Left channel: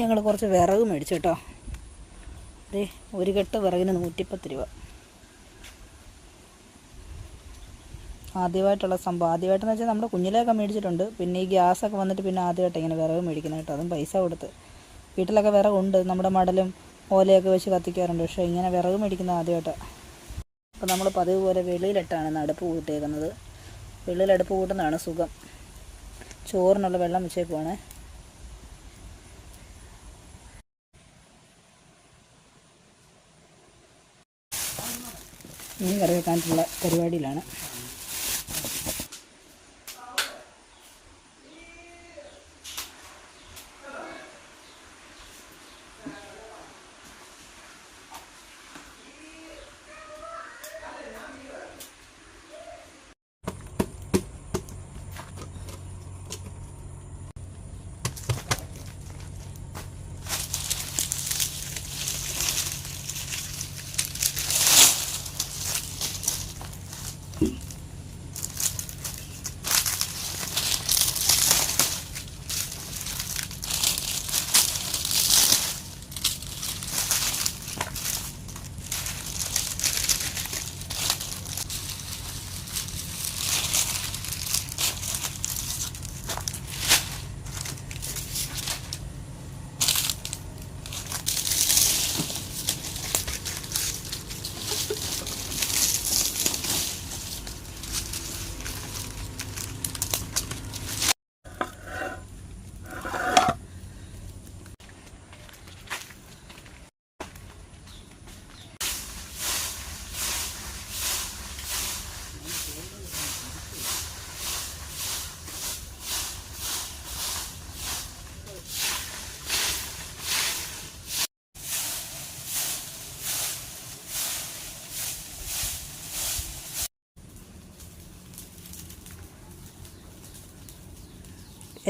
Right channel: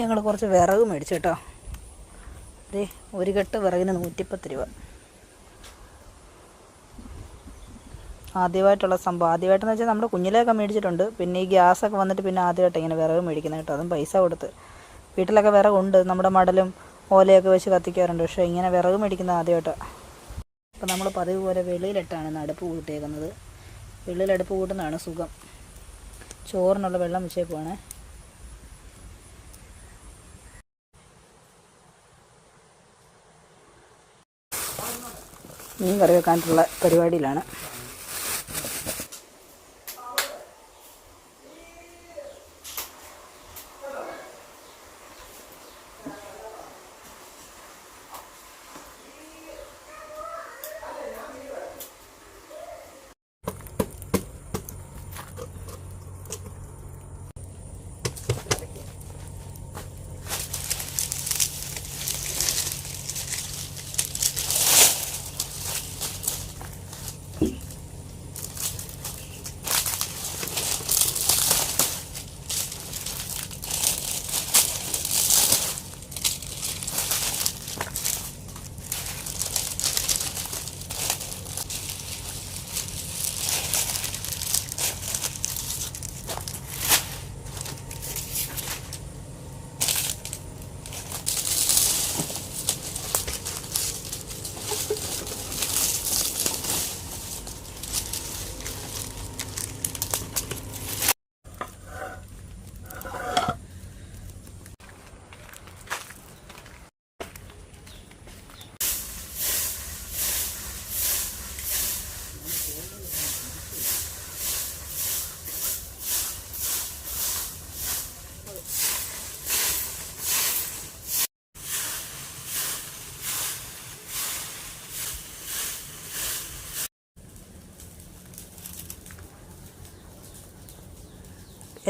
ഞങ്ങൾ കുറച്ച് വിറക് മേടിച്ചു കേട്ടോ. അതെ, ഒരു കെട്ട് വിറകിന് 110 രൂപ. ആദ്യമായിട്ടുള്ള സംഭവം. ആദ്യമായിട്ടെന്ന് വെച്ചാൽ നമ്മുടെ കുഞ്ഞിലെയൊക്കെ മേടിച്ചിട്ടുണ്ട്. പിന്നെ ഈ ഗ്യാസൊക്കെ വന്നിട്ട് പിന്നെ ആദ്യമായിട്ട് ഇങ്ങനെ വിറക് മേടിക്കുന്നത് കേട്ടോ. അതും പൈസ കൊടുത്ത്. വീട്ടിലൊക്കെ വിറകുണ്ട്, നമ്മുടെ മടലും ഓലയൊക്കെ വെച്ച് കത്തിക്കാറുണ്ട്. പക്ഷേ ഇങ്ങനെ വിറക് മേടിക്കുന്നത് ആദ്യമായിട്ടാണ്. അപ്പോൾ നമ്മൾ പതിവ് പോലെ വെളിയിലിട്ടാണ് അടുപ്പ് കൂട്ടിയേക്കുന്നത്. വെളിയിൽ അടുപ്പ് കൂട്ടുന്നതാണ് സുഖം. ചോറിനുള്ള വെള്ളം വെച്ചേക്കുവാണേ. മീൻ കറി വെക്കാനുള്ള പരിപാടിയിലാണ്.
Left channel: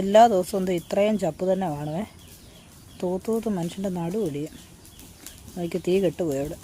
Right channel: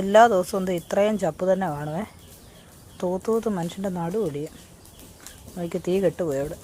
എല്ലാ ദിവസവും ഇത്രയും ചപ്പ് തന്നെ കാണുമേ. തൂത്തൂത്ത് മനുഷ്യൻ്റെ നടുവൊടിയും. നോക്കി തീ കെട്ടുപോയി അവിടെ.